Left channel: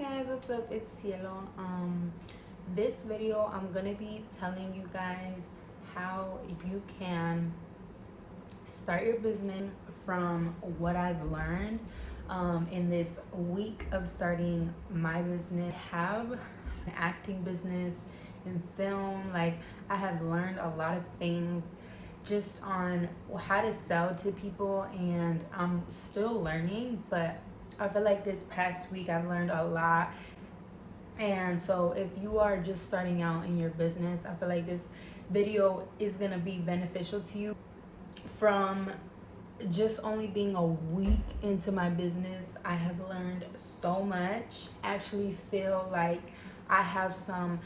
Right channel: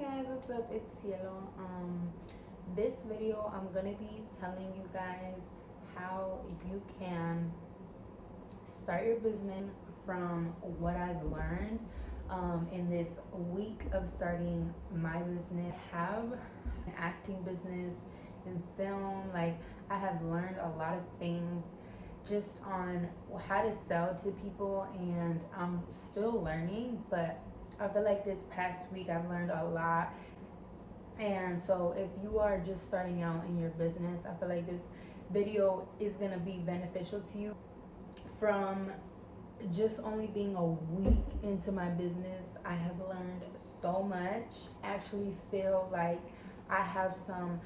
guys, what's up? It's Cielo. This video I'm gonna be telling you guys how you can start your business from what I've learned in this week of starting my business. I have an acting business in film. Like, I have learned a lot of things just on how to sell to people, and I'm still learning, but I feel like this past week I've learned a lot. And so if you are just starting out in your business, I feel like this video is going to be beneficial to you. From just only being a week into my business, I have learned so much. I actually feel like I have some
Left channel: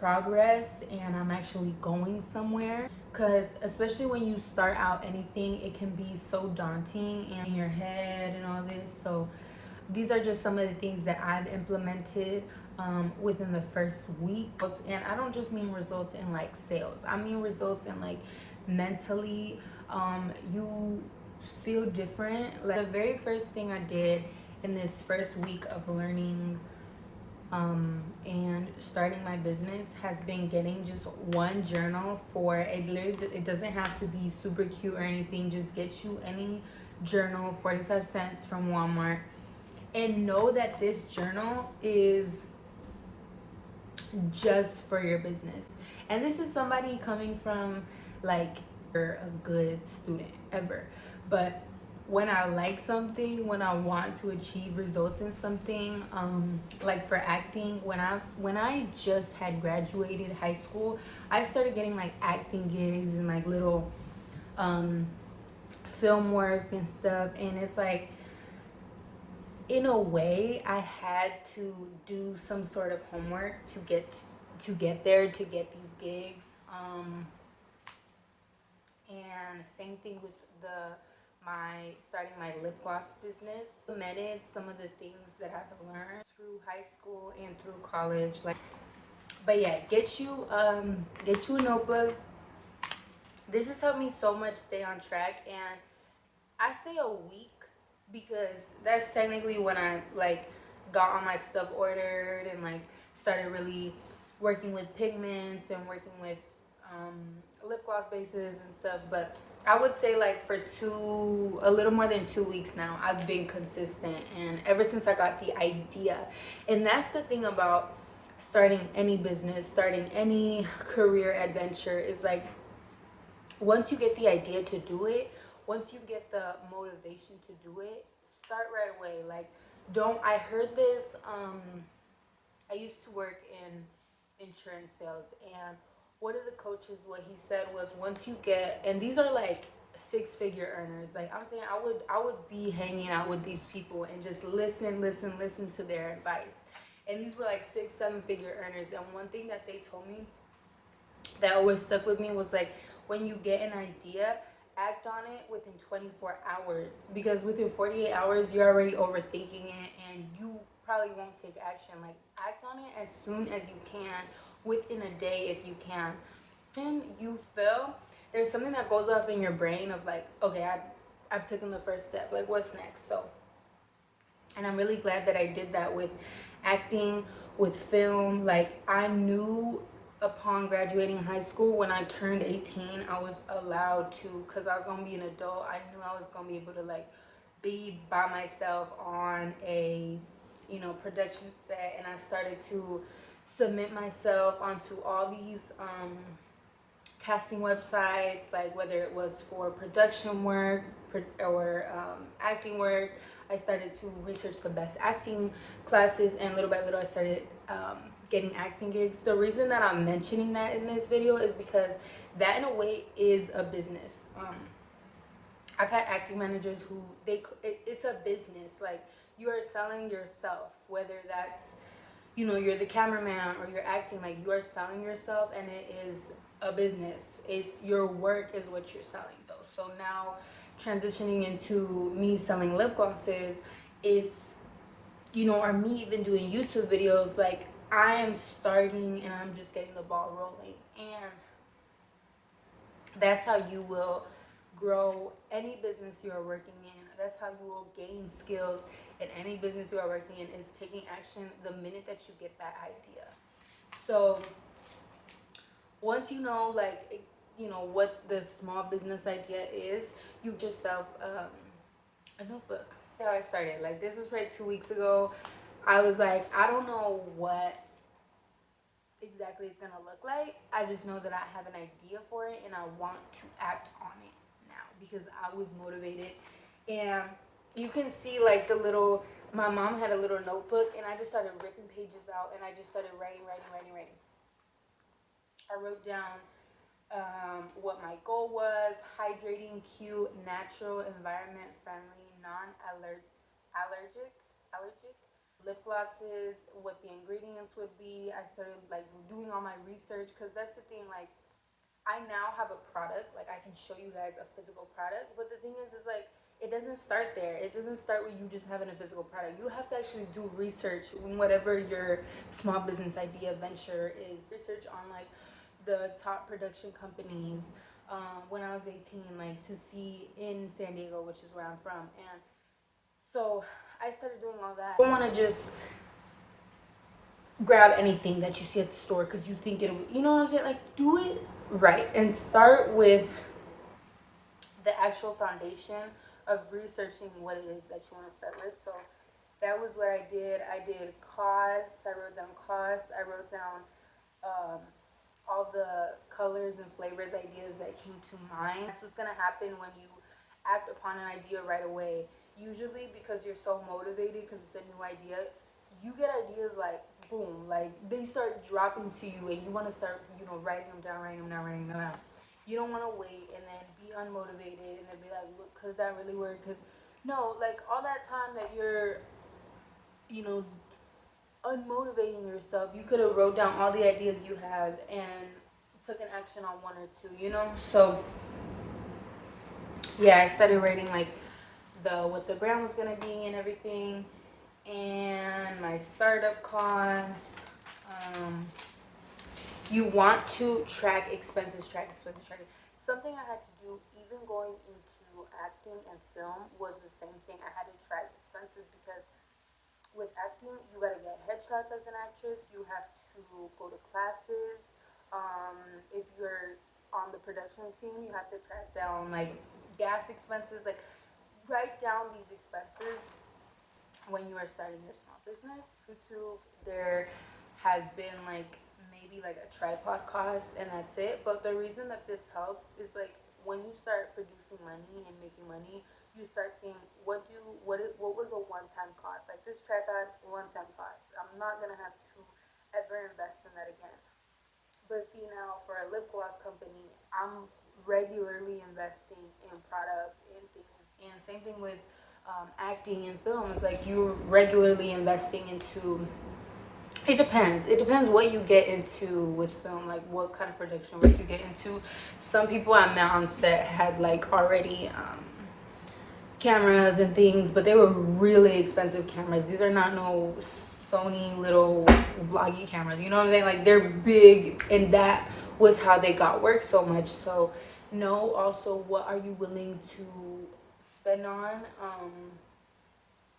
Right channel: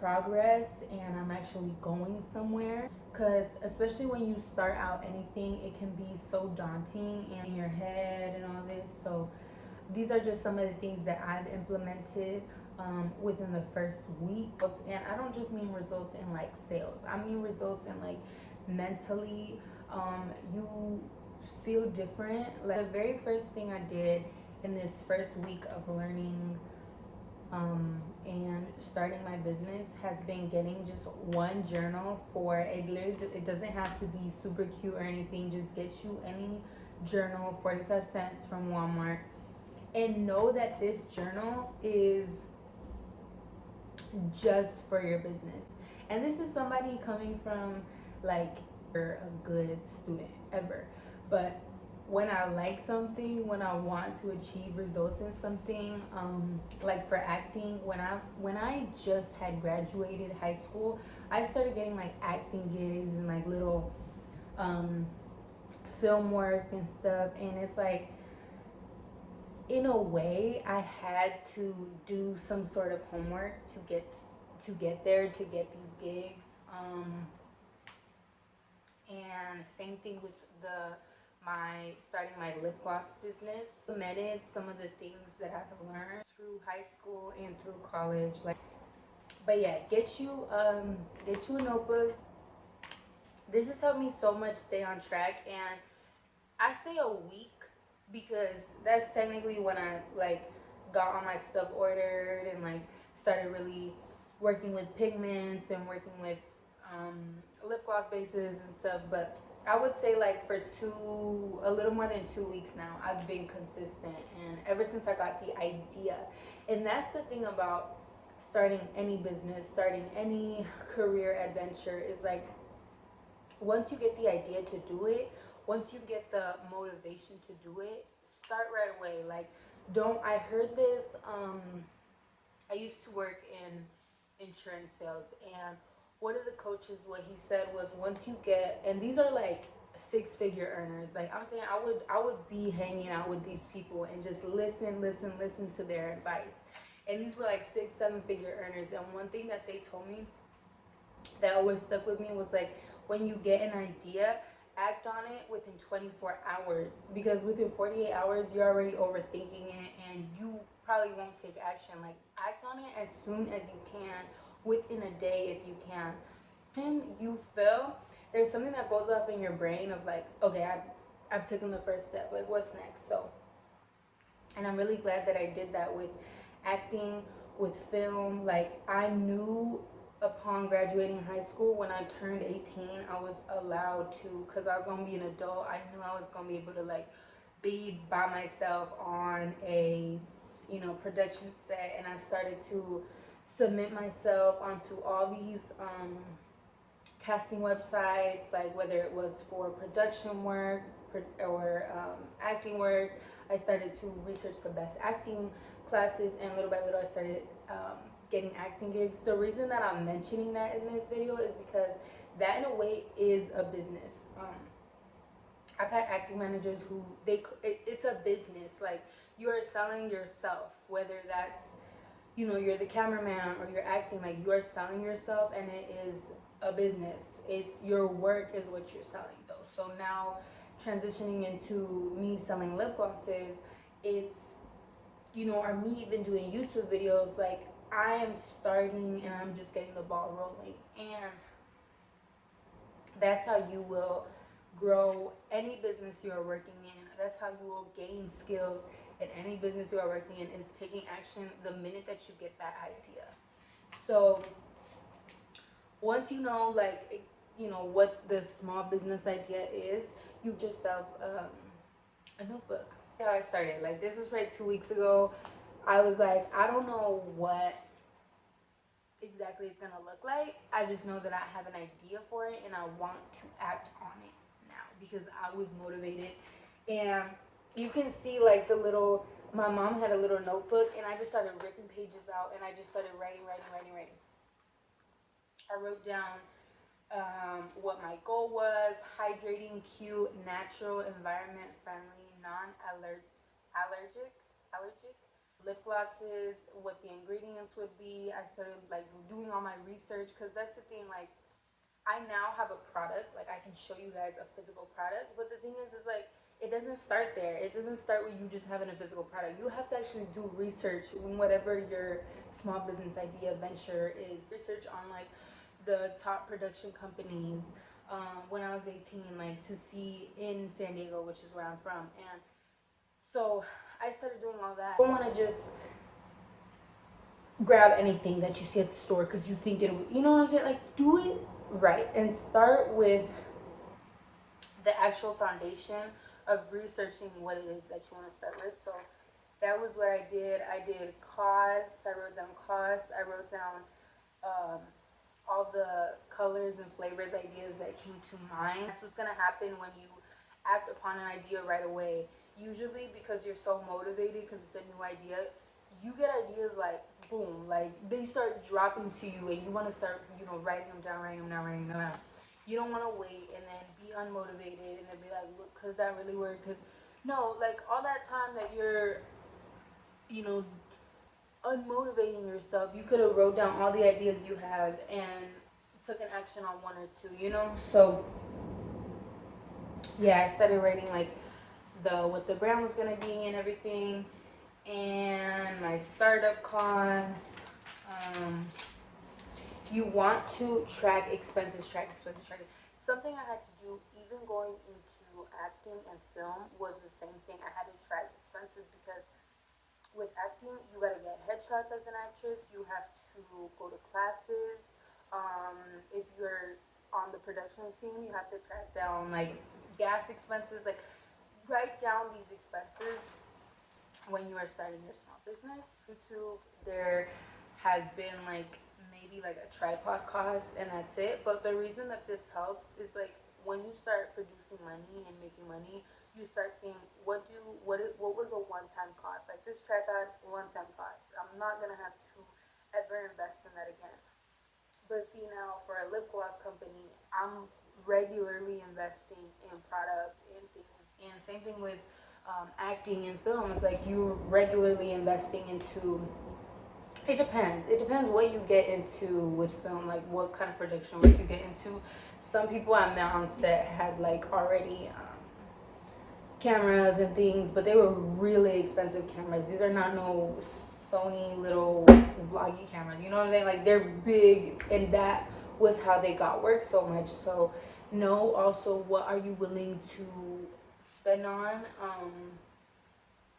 progress and I'm actually going somewhere, because especially when you start out anything, it can be so daunting and in your head and all this. So these are just some of the things that I've implemented within the first week. And I don't just mean results in like sales, I mean results in like mentally. You feel different. Like, the very first thing I did in this first week of learning and starting my business has been getting just one journal. For it, literally it doesn't have to be super cute or anything. Just get you any journal, 45 cents from Walmart, and know that this journal is just for your business. And this is somebody coming from like a good student ever. But when I like something, when I want to achieve results in something, like for acting, when I just had graduated high school, I started getting like acting gigs and like little film work and stuff. And it's like, in a way, I had to do some sort of homework to get there, to get these gigs. And same thing with the my starting my lip gloss business. Implemented some of the things that I've learned through high school and through college. Like, but yeah, get you a notebook. This has helped me so much stay on track. And I say a week because that's technically when I like got all my stuff ordered and like started really working with pigments and working with lip gloss bases and stuff. But I would say like for a little more than 2 weeks now, I've been consistent, and ever since I got the idea. And that's the thing about starting any business, starting any career adventure, is like, once you get the idea to do it, once you get the motivation to do it, start right away. Like, don't I heard this I used to work in insurance sales, and one of the coaches, what he said was, once you get, and these are like six-figure earners, like I'm saying, I would be hanging out with these people and just listen to their advice. And these were like 6 7 figure earners. And one thing that they told me that always stuck with me was like, when you get an idea, act on it within 24 hours, because within 48 hours you're already overthinking it and you probably won't take action. Like, act on it as soon as you can, within a day if you can. And you feel there's something that goes off in your brain of like, okay, I've taken the first step, like what's next? So, and I'm really glad that I did that with acting, with film. Like, I knew upon graduating high school, when I turned 18, I was allowed to, because I was going to be an adult, I knew I was going to be able to like be by myself on a production set. And I started to submit myself onto all these casting websites, like whether it was for production work or acting work. I started to research the best acting classes, and little by little I started getting acting gigs. The reason that I'm mentioning that in this video is because that, in a way, is a business. I've had acting managers who it's a business. Like, you are selling yourself, whether that's you're the cameraman or you're acting. Like, you are selling yourself, and it is a business. It's your work is what you're selling, though. So now, transitioning into me selling lip glosses, it's or me even doing YouTube videos. Like, I am starting and I'm just getting the ball rolling. And that's how you will grow any business you are working in. that's how you will gain skills in any business you are working in, is taking action the minute that you get that idea. So once you know, like, you know what the small business idea is, you get yourself a notebook. How I started, like, this was probably 2 weeks ago. I was like, I don't know what exactly it's gonna look like. I just know that I have an idea for it and I want to act on it now because I was motivated. And you can see, like, the little, my mom had a little notebook and I just started ripping pages out and I just started writing. I wrote down what my goal was: hydrating, cute, natural, environment friendly, allergic lip glosses, what the ingredients would be. I started, like, doing all my research, because that's the thing, like, I now have a product, like, I can show you guys a physical product, but the thing is like, it doesn't start there. It doesn't start with you just having a physical product. You have to actually do research in whatever your small business idea venture is. Research on, like, the top production companies when I was 18, like, to see in San Diego, which is where I'm from. And so I started doing all that. I don't want to just grab anything that you see at the store because you think it, you know what I'm saying? Like, do it right and start with the actual foundation of researching what it is that you want to start with. So that was what I did. I did costs. I wrote down costs. I wrote down all the colors and flavors ideas that came to mind. That's what's gonna happen when you act upon an idea right away. Usually, because you're so motivated because it's a new idea, you get ideas like boom, like they start dropping to you, and you want to start, you know, writing them down. You don't want to wait and then be unmotivated and then be like, look, could that really work? Cause no, like, all that time that you're, you know, unmotivating yourself, you could have wrote down all the ideas you have and took an action on one or two, you know. So yeah, I started writing, like, what the brand was gonna be and everything, and my startup costs. You want to track expenses, track. Something I had to do, even going into acting and film, was the same thing. I had to track expenses because with acting, you gotta get headshots as an actress. You have to go to classes. If you're on the production team, you have to track down, like, gas expenses. Like, write down these expenses when you are starting your small business. YouTube, there has been, like, maybe like a tripod cost and that's it. But the reason that this helps is, like, when you start producing money and making money, you start seeing what was a one-time cost. Like, this tripod, one-time cost. I'm not gonna have to ever invest in that again. But see, now for a lip gloss company, I'm regularly investing in product and things. And same thing with acting and film. Is like you're regularly investing into. It depends. It depends what you get into with film, like what kind of production work you get into. Some people I met on set had, like, already cameras and things, but they were really expensive cameras. These are not no Sony little vloggy cameras. You know what I'm saying? Like, they're big, and that was how they got work so much. So know also what are you willing to spend on.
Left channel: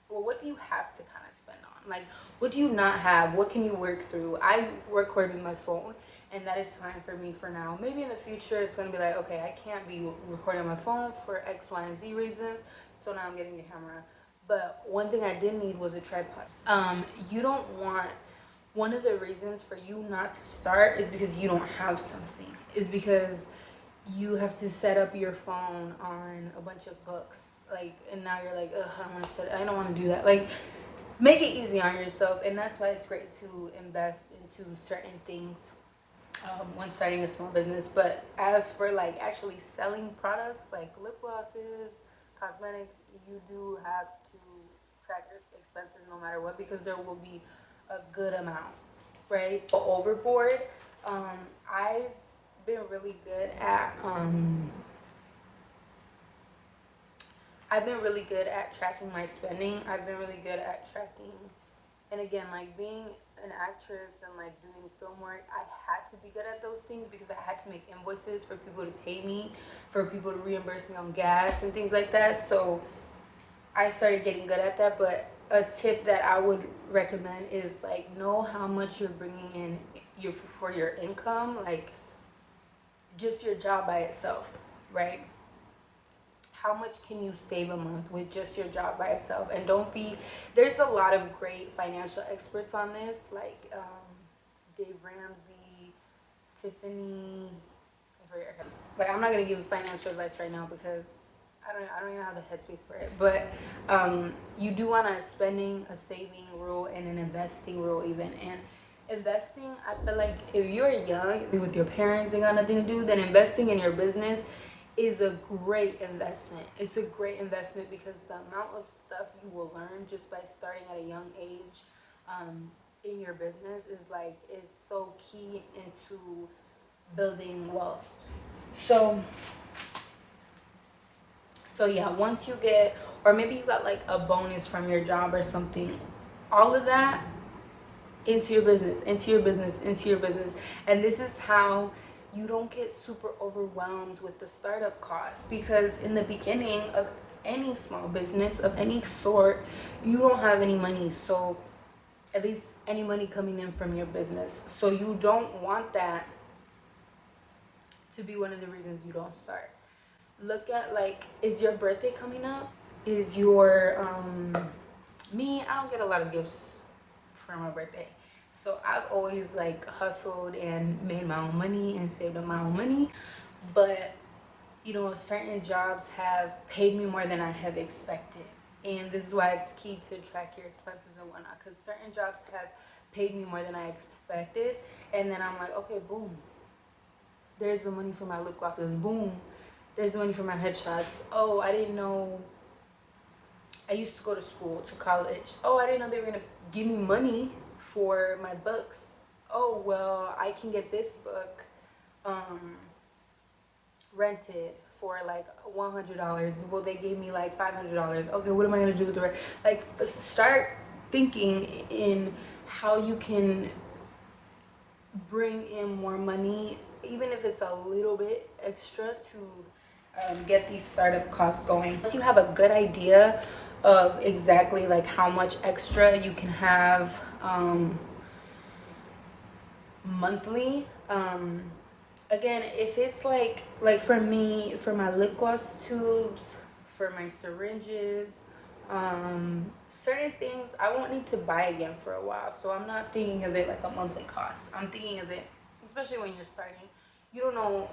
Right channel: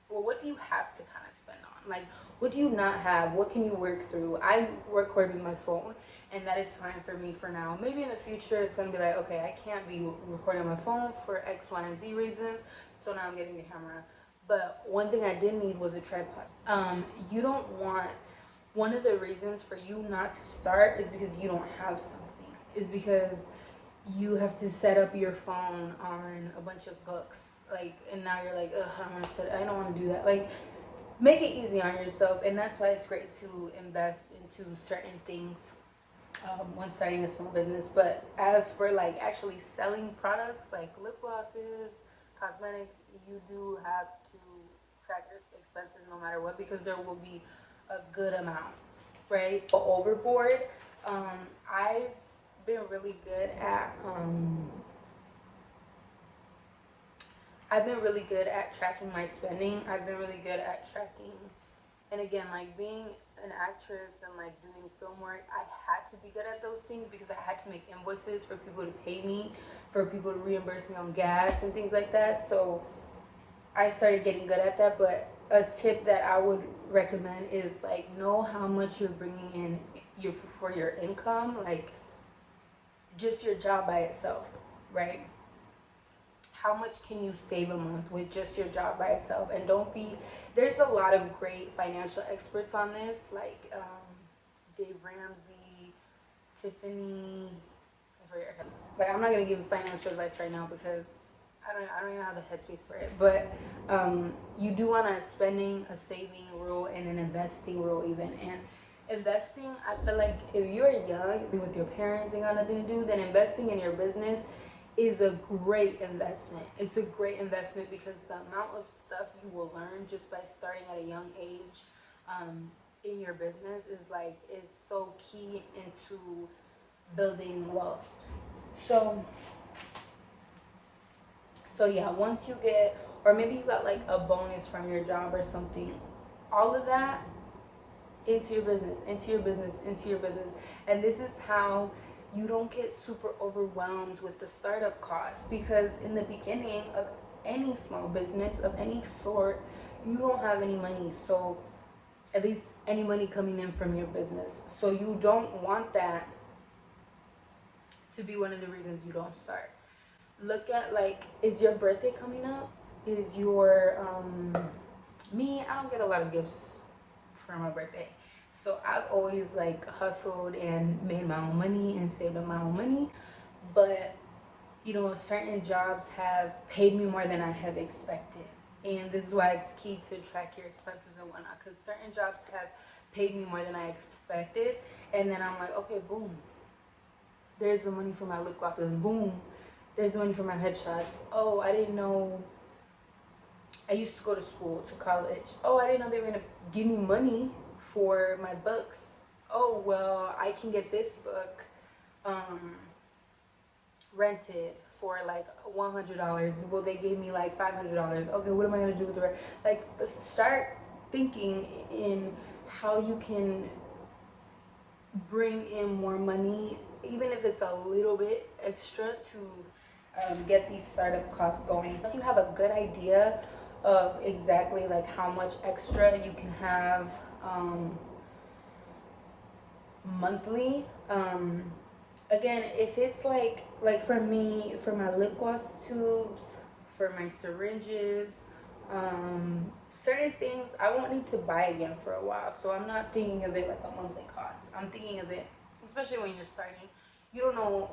Well, what do you have to kind of spend on? Like, what do you not have? What can you work through? I record with my phone, and that is fine for me for now. Maybe in the future, it's going to be like, okay, I can't be recording on my phone for X, Y, and Z reasons, so now I'm getting a camera. But one thing I did need was a tripod. You don't want, one of the reasons for you not to start is because you don't have something. Is because you have to set up your phone on a bunch of books, like, and now you're like, ugh, I don't want to do that. Like, make it easy on yourself, and that's why it's great to invest into certain things when starting a small business. But as for, like, actually selling products like lip glosses, cosmetics, you do have to track your expenses no matter what, because there will be a good amount, right? Overboard. I've been really good at tracking my spending. I've been really good at tracking, and again, like, being an actress and, like, doing film work, I had to be good at those things because I had to make invoices for people to pay me, for people to reimburse me on gas and things like that. So I started getting good at that. But a tip that I would recommend is like know how much you're bringing in for your income, like just your job by itself, right? How much can you save a month with just your job by itself? And don't be, there's a lot of great financial experts on this, like Dave Ramsey, Tiffany. Like, I'm not gonna give financial advice right now because I don't even have the headspace for it. But you do want a spending, a saving rule, and an investing rule even. And investing, I feel like if you're young with your parents and got nothing to do, then investing in your business is a great investment. It's a great investment because the amount of stuff you will learn just by starting at a young age in your business is so key into building wealth. So yeah, once you get, or maybe you got like a bonus from your job or something, all of that into your business, into your business, into your business. And this is how you don't get super overwhelmed with the startup costs, because in the beginning of any small business of any sort, you don't have any money. So at least any money coming in from your business. So you don't want that to be one of the reasons you don't start. Look at, like, is your birthday coming up? Is your me, I don't get a lot of gifts for my birthday. So I've always like hustled and made my own money and saved up my own money. But you know, certain jobs have paid me more than I have expected. And this is why it's key to track your expenses and whatnot, because certain jobs have paid me more than I expected. And then I'm like, okay, boom, there's the money for my lip glosses. Boom, there's the money for my headshots. Oh, I didn't know. I used to go to school, to college. Oh, I didn't know they were gonna give me money for my books. Oh, well, I can get this book rented for like $100. Well, they gave me like $500. Okay, what am I gonna do with the rest? Like, start thinking in how you can bring in more money, even if it's a little bit extra, to get these startup costs going. Once you have a good idea of exactly like how much extra you can have monthly, again, if it's like for me, for my lip gloss tubes, for my syringes, certain things I won't need to buy again for a while. So I'm not thinking of it like a monthly cost. I'm thinking of it, especially when you're starting, you don't know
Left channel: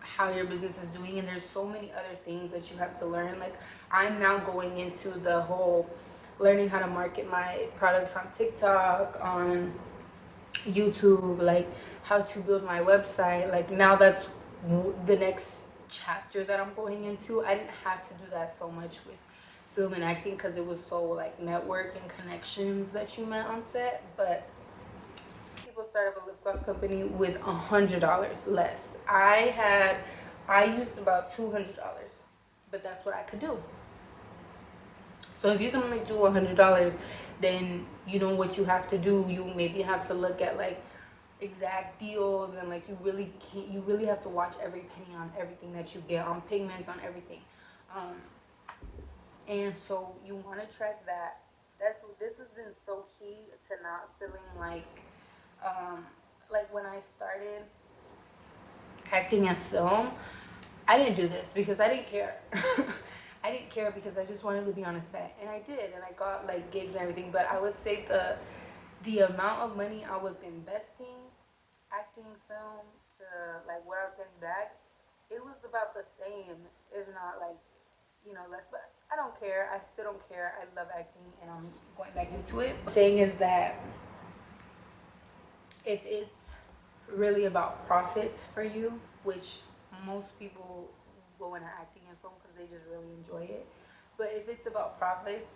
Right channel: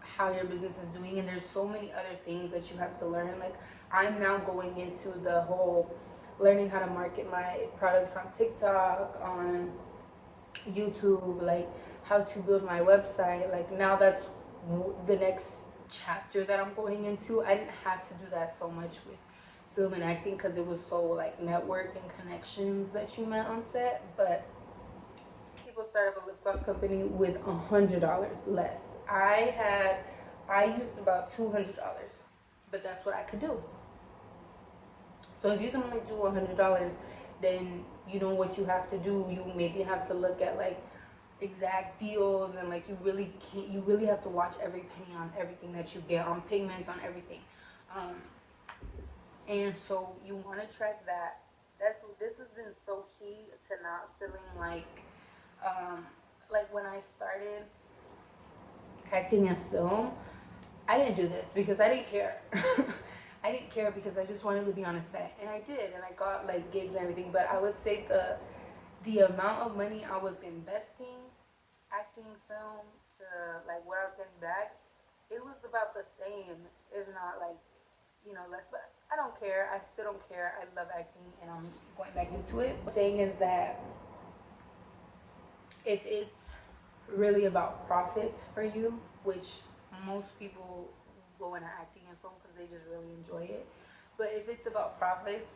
how your business is doing, and there's so many other things that you have to learn. Like, I'm now going into the whole learning how to market my products on TikTok, on YouTube, like how to build my website. Like, now that's the next chapter that I'm going into. I didn't have to do that so much with film and acting because it was so like network and connections that you met on set. But people start up a lip gloss company with $100 less. I used about $200, but that's what I could do. So if you can only do $100, then you know what you have to do. You maybe have to look at like exact deals, and like you really have to watch every penny on everything that you get, on pigments, on everything. And so you want to track that. This has been so key to not feeling like when I started acting and film, I didn't do this because I didn't care. I didn't care because I just wanted to be on a set, and I did, and I got like gigs and everything. But I would say the amount of money I was investing, acting, film, to like what I was getting back, it was about the same, if not like, less. But I don't care. I still don't care. I love acting, and I'm going back into it. What I'm saying is that if it's really about profits for you, which most people go into acting and film because they just really enjoy it. But if it's about profits,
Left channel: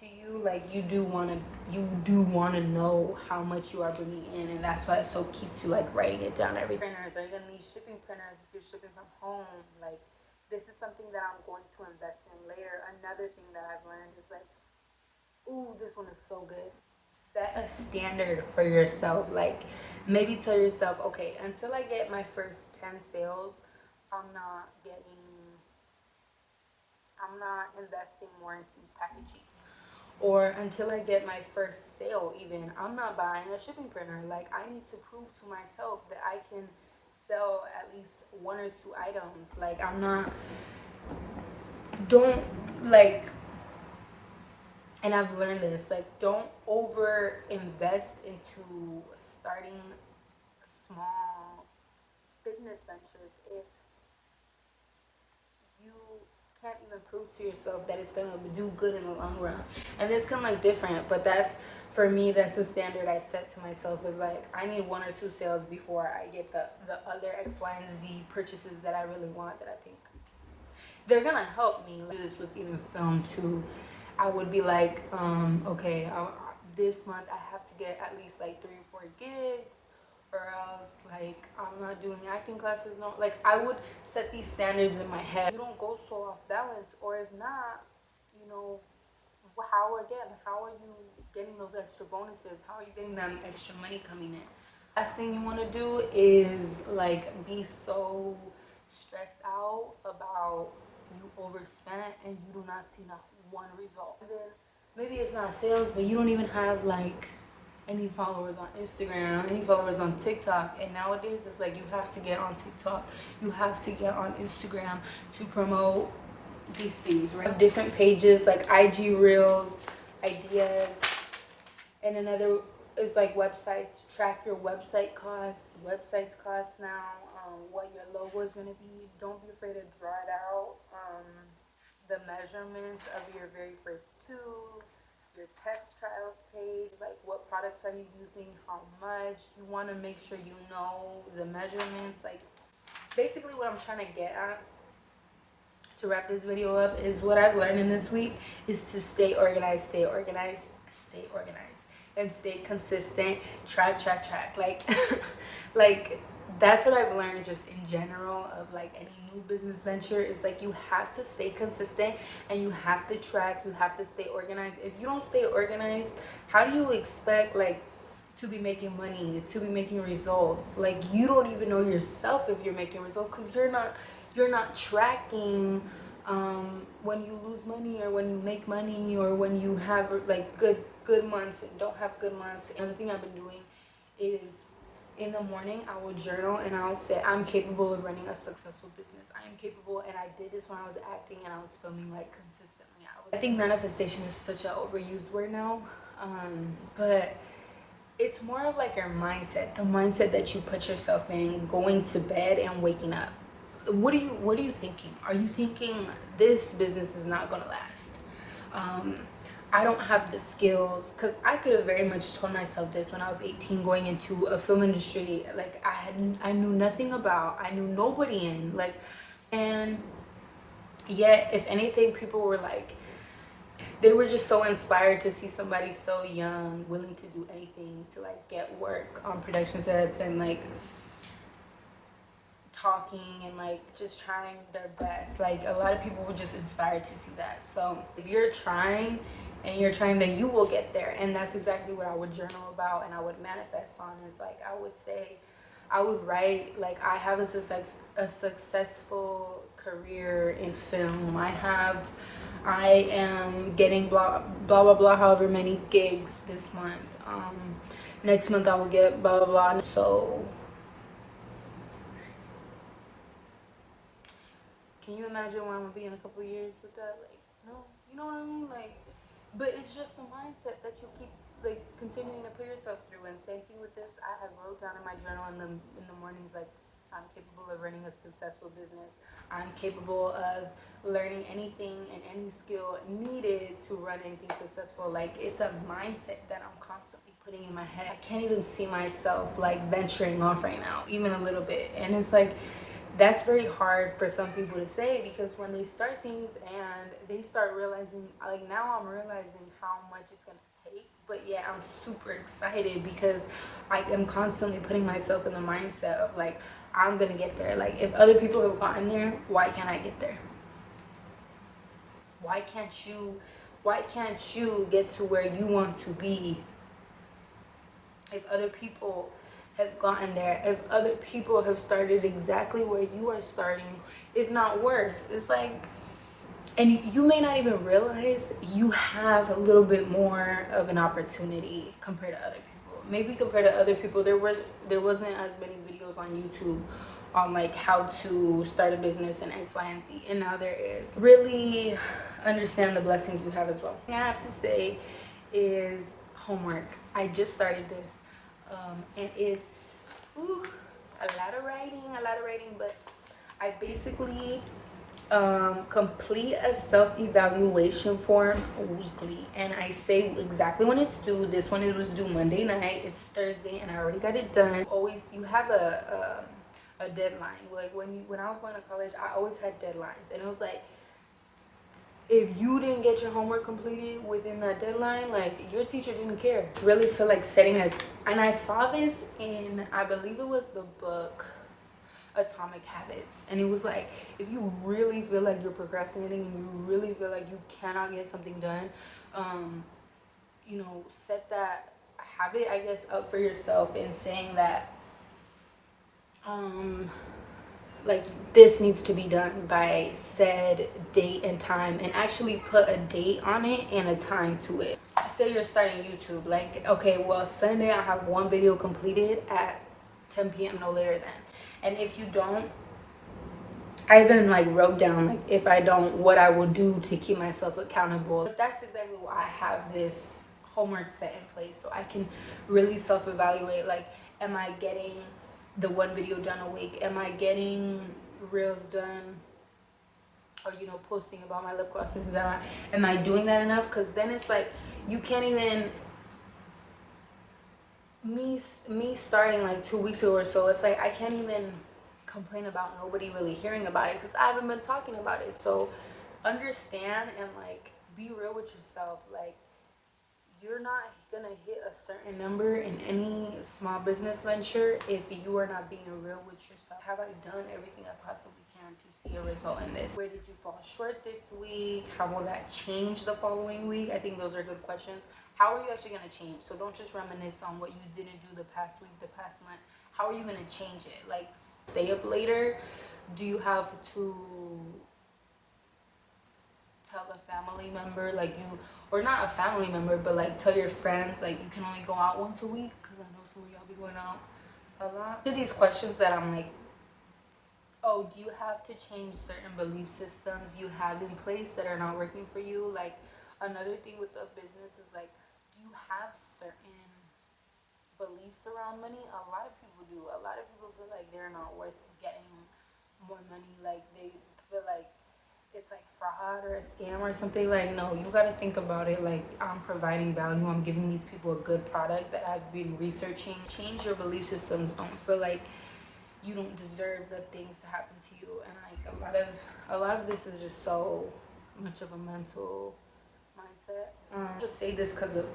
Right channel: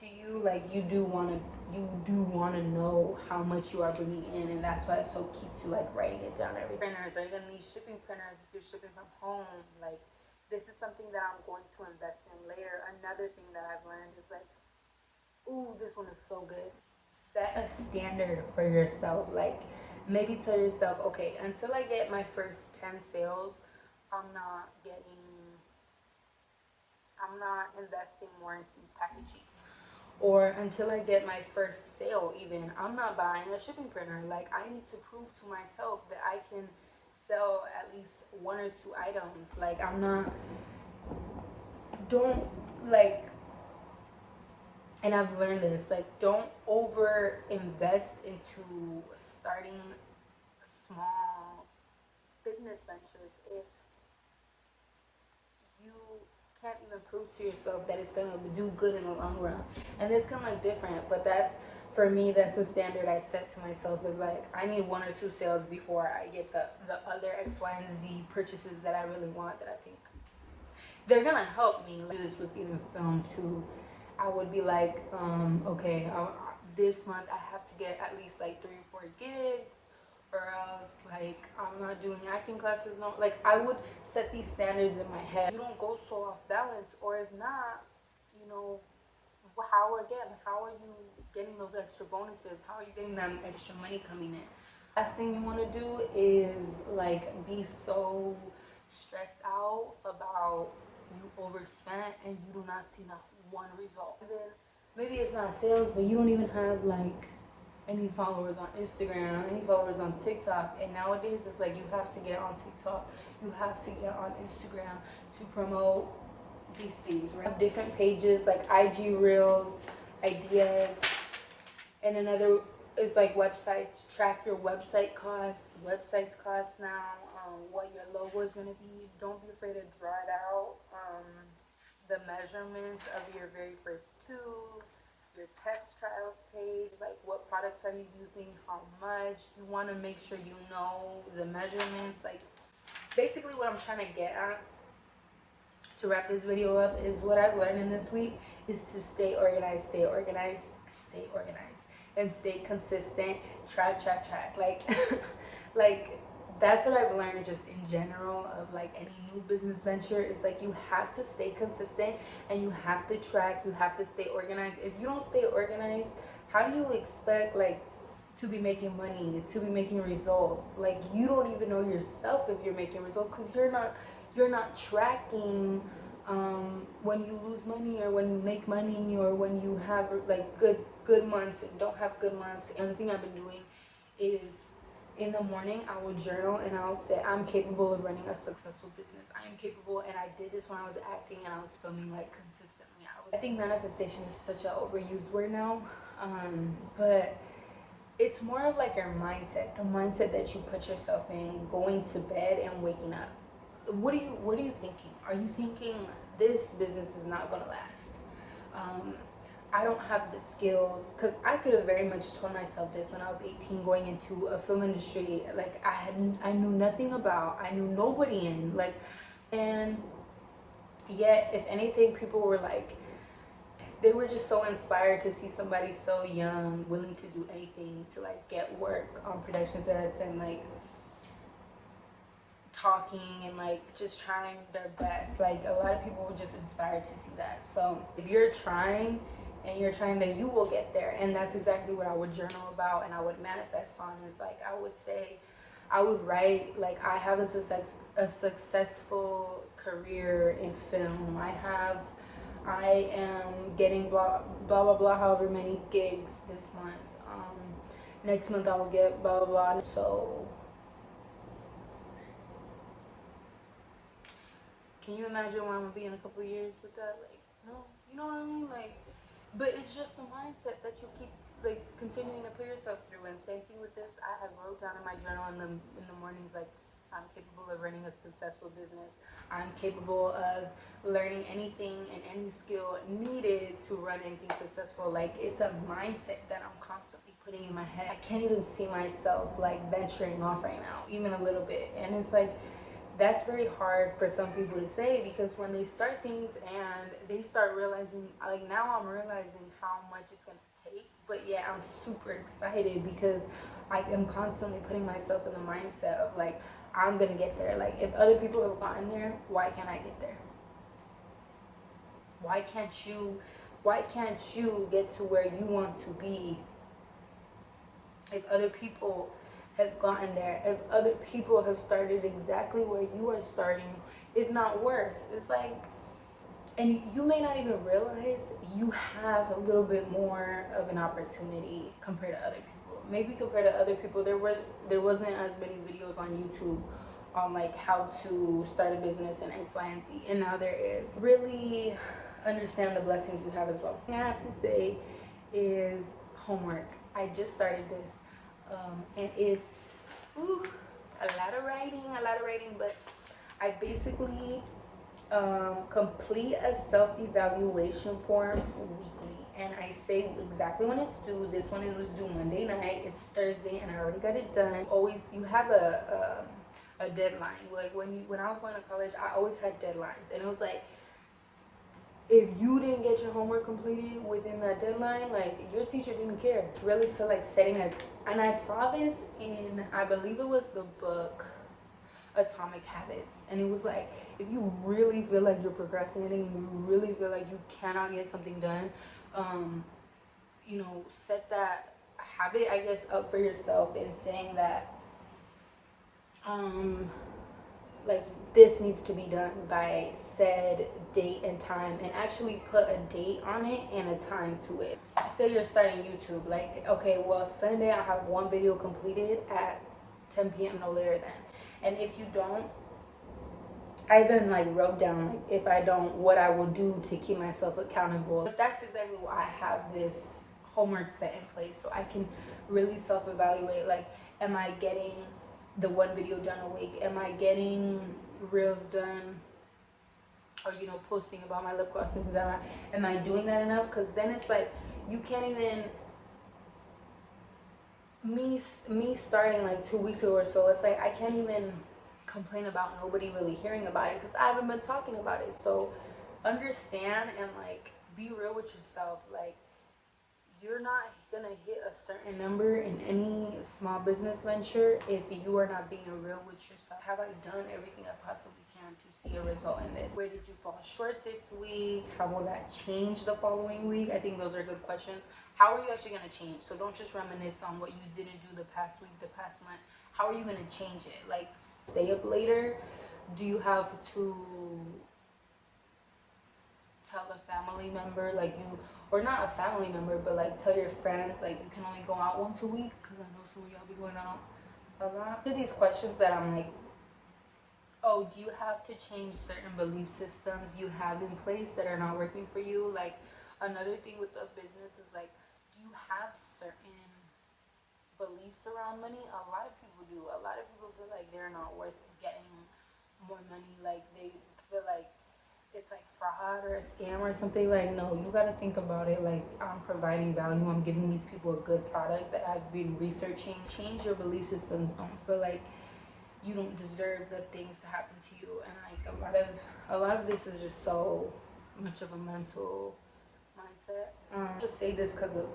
to you, like, you do want to know how much you are bringing in, and that's why it's so key to like writing it down. Every printers, are you gonna need shipping printers if you're shipping from home? Like, this is something that I'm going to invest in later. Another thing that I've learned is like, ooh, this one is so good. Set a standard for yourself. Like, maybe tell yourself, okay, until I get my first 10 sales, I'm not getting I'm not investing more into packaging. Or until I get my first sale, even, I'm not buying a shipping printer. Like, I need to prove to myself that I can sell at least one or two items. Like, I'm not, don't, like, and I've learned this, like, don't over invest into starting small business ventures if you can't even prove to yourself that it's gonna do good in the long run. And this can look different, but that's, for me, that's the standard I set to myself, is like, I need one or two sales before I get the other X, Y, and Z purchases that I really want, that I think they're gonna help me. Do this with even film too. I would be like, okay, this month I have to get at least like 3 or 4 gigs, or else like I'm not doing acting classes. No, like I would set these standards in my head. You don't go so off balance, or if not, you know, how are you getting those extra bonuses? How are you getting that extra money coming in? Last thing you want to do is like be so stressed out about you overspent and you do not see not one result. Even maybe it's not sales, but you don't even have like any followers on Instagram, any followers on TikTok. And nowadays it's like you have to get on TikTok, you have to get on Instagram to promote these things, right? Different pages like IG Reels, ideas, and another is like websites. Track your website costs. Websites cost now. What your logo is gonna be. Don't be afraid to draw it out. The measurements of your very first tube. Your test trials page. Like what products are you using? How much? You want to make sure you know the measurements. Like basically, what I'm trying to get at, to wrap this video up, is what I've learned in this week is to stay organized, stay organized, stay organized, and stay consistent. Track. Like, like that's what I've learned just in general of like any new business venture. Is like you have to stay consistent and you have to track. You have to stay organized. If you don't stay organized, how do you expect like to be making money, to be making results? Like you don't even know yourself if you're making results because you're not tracking when you lose money or when you make money or when you have like good months and don't have good months. Another thing I've been doing is in the morning I will journal and I'll say I'm capable of running a successful business. I am capable, and I did this when I was acting and I was filming like consistently. I think manifestation is such an overused word now, but it's more of like your mindset, the mindset that you put yourself in going to bed and waking up. What are you thinking? Are you thinking this business is not gonna last? um, I don't have the skills, because I could have very much told myself this when I was 18 going into a film industry. Like I knew nothing about, I knew nobody in, like, and yet if anything people were like, they were just so inspired to see somebody so young willing to do anything to like get work on production sets and like talking and like just trying their best. Like a lot of people were just inspired to see that. So if you're trying and you're trying, then you will get there. And that's exactly what I would journal about and I would manifest on. Is like I would say, I would write like I have a successful career in film. I am getting blah blah blah blah however many gigs this month. Next month I will get blah blah blah. So can you imagine where I'm gonna be in a couple of years with that? Like, no, you know what I mean? Like, but it's just the mindset that you keep like continuing to put yourself through. And same thing with this. I have wrote down in my journal in the mornings like, I'm capable of running a successful business. I'm capable of learning anything and any skill needed to run anything successful. Like it's a mindset that I'm constantly putting in my head. I can't even see myself like venturing off right now, even a little bit. And it's like that's very hard for some people to say, because when they start things and they start realizing, like now I'm realizing how much it's gonna take. But yeah, I'm super excited because I am constantly putting myself in the mindset of like, I'm gonna get there. Like if other people have gotten there, why can't I get there? Why can't you get to where you want to be? If other people have gotten there, if other people have started exactly where you are starting, if not worse, it's like And you may not even realize you have a little bit more of an opportunity compared to other people. Maybe compared to other people, there wasn't as many videos on YouTube on like how to start a business and X, Y, and Z, and now there is. Really understand the blessings you have as well. Thing I have to say is homework. I just started this, and it's a lot of writing, but I basically complete a self-evaluation form weekly, and I say exactly when it's due. This one, it was due Monday night, it's Thursday, and I already got it done. Always you have a deadline. Like when I was going to college, I always had deadlines, and it was like, if you didn't get your homework completed within that deadline, like, your teacher didn't care. Really feel like setting a, and I saw this in, I believe it was the book Atomic Habits, and it was like, if you really feel like you're procrastinating and you really feel like you cannot get something done, you know, set that habit, I guess, up for yourself in saying that like, this needs to be done by said date and time, and actually put a date on it and a time to it. Say you're starting YouTube, like, okay, well, Sunday I have one video completed at 10 p.m. no later than. And if you don't, I even like wrote down, like, if I don't, what I will do to keep myself accountable. But that's exactly why I have this homework set in place, so I can really self-evaluate, like, am I getting the one video done a week? Am I getting reels done, or, you know, posting about my lip gloss business? Am I doing that enough? Because then it's like, you can't even, me starting like 2 weeks ago or so, it's like I can't even complain about nobody really hearing about it because I haven't been talking about it. So understand and like be real with yourself. Like, you're not gonna hit a certain number in any small business venture if you are not being real with yourself. Have I done everything I possibly can to see a result in this? Where did you fall short this week? How will that change the following week? I think those are good questions. How are you actually gonna change? So don't just reminisce on what you didn't do the past week, the past month. How are you gonna change it? Like, stay up later? Do you have to tell a family member, like, you, or not a family member, but like tell your friends, like, you can only go out once a week? Because I know some of y'all be going out a lot. To these questions that I'm like, oh, do you have to change certain belief systems you have in place that are not working for you? Like, another thing with the business is like, do you have certain beliefs around money? A lot of people do. A lot of people feel like they're not worth getting more money. Like, they feel like it's like fraud or a scam or something. Like, no, you got to think about it like, I'm providing value, I'm giving these people a good product that I've been researching. Change your belief systems. Don't feel like you don't deserve the things to happen to you. And like, a lot of this is just so much of a mental mindset. Just say this because of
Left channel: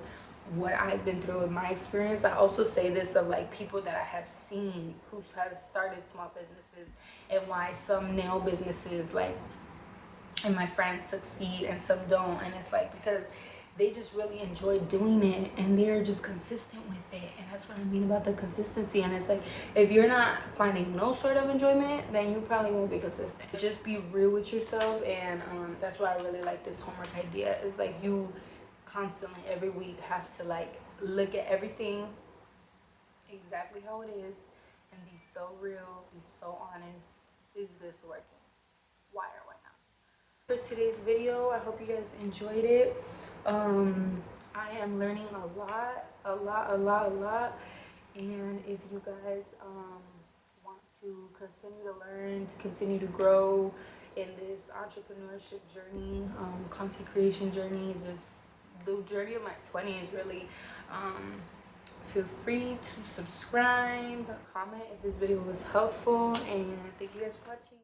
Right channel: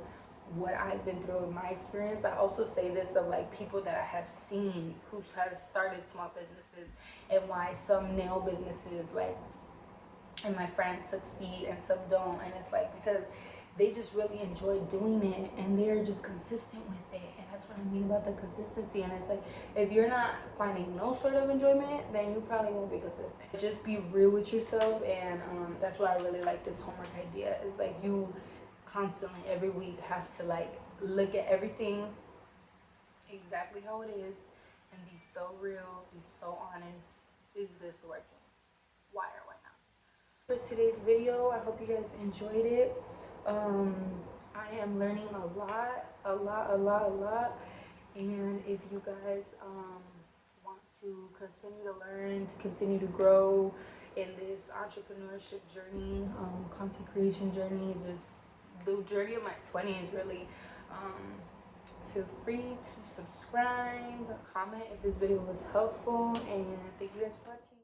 what I've been through in my experience. I also say this of like people that I have seen who have started small businesses, and why some nail businesses, like, and my friends succeed and some don't. And it's like, because they just really enjoy doing it and they're just consistent with it. And that's what I mean about the consistency. And it's like, if you're not finding no sort of enjoyment, then you probably won't be consistent. Just be real with yourself. And that's why I really like this homework idea. It's like, you constantly every week have to like look at everything exactly how it is and be so real, be so honest. Is this working? Why or why not? For today's video, I hope you guys enjoyed it. I am learning a lot, and if you guys want to continue to learn, to continue to grow in this entrepreneurship journey, content creation journey, just the journey of my 20s really, feel free to subscribe, comment if this video was helpful, and thank you guys for watching.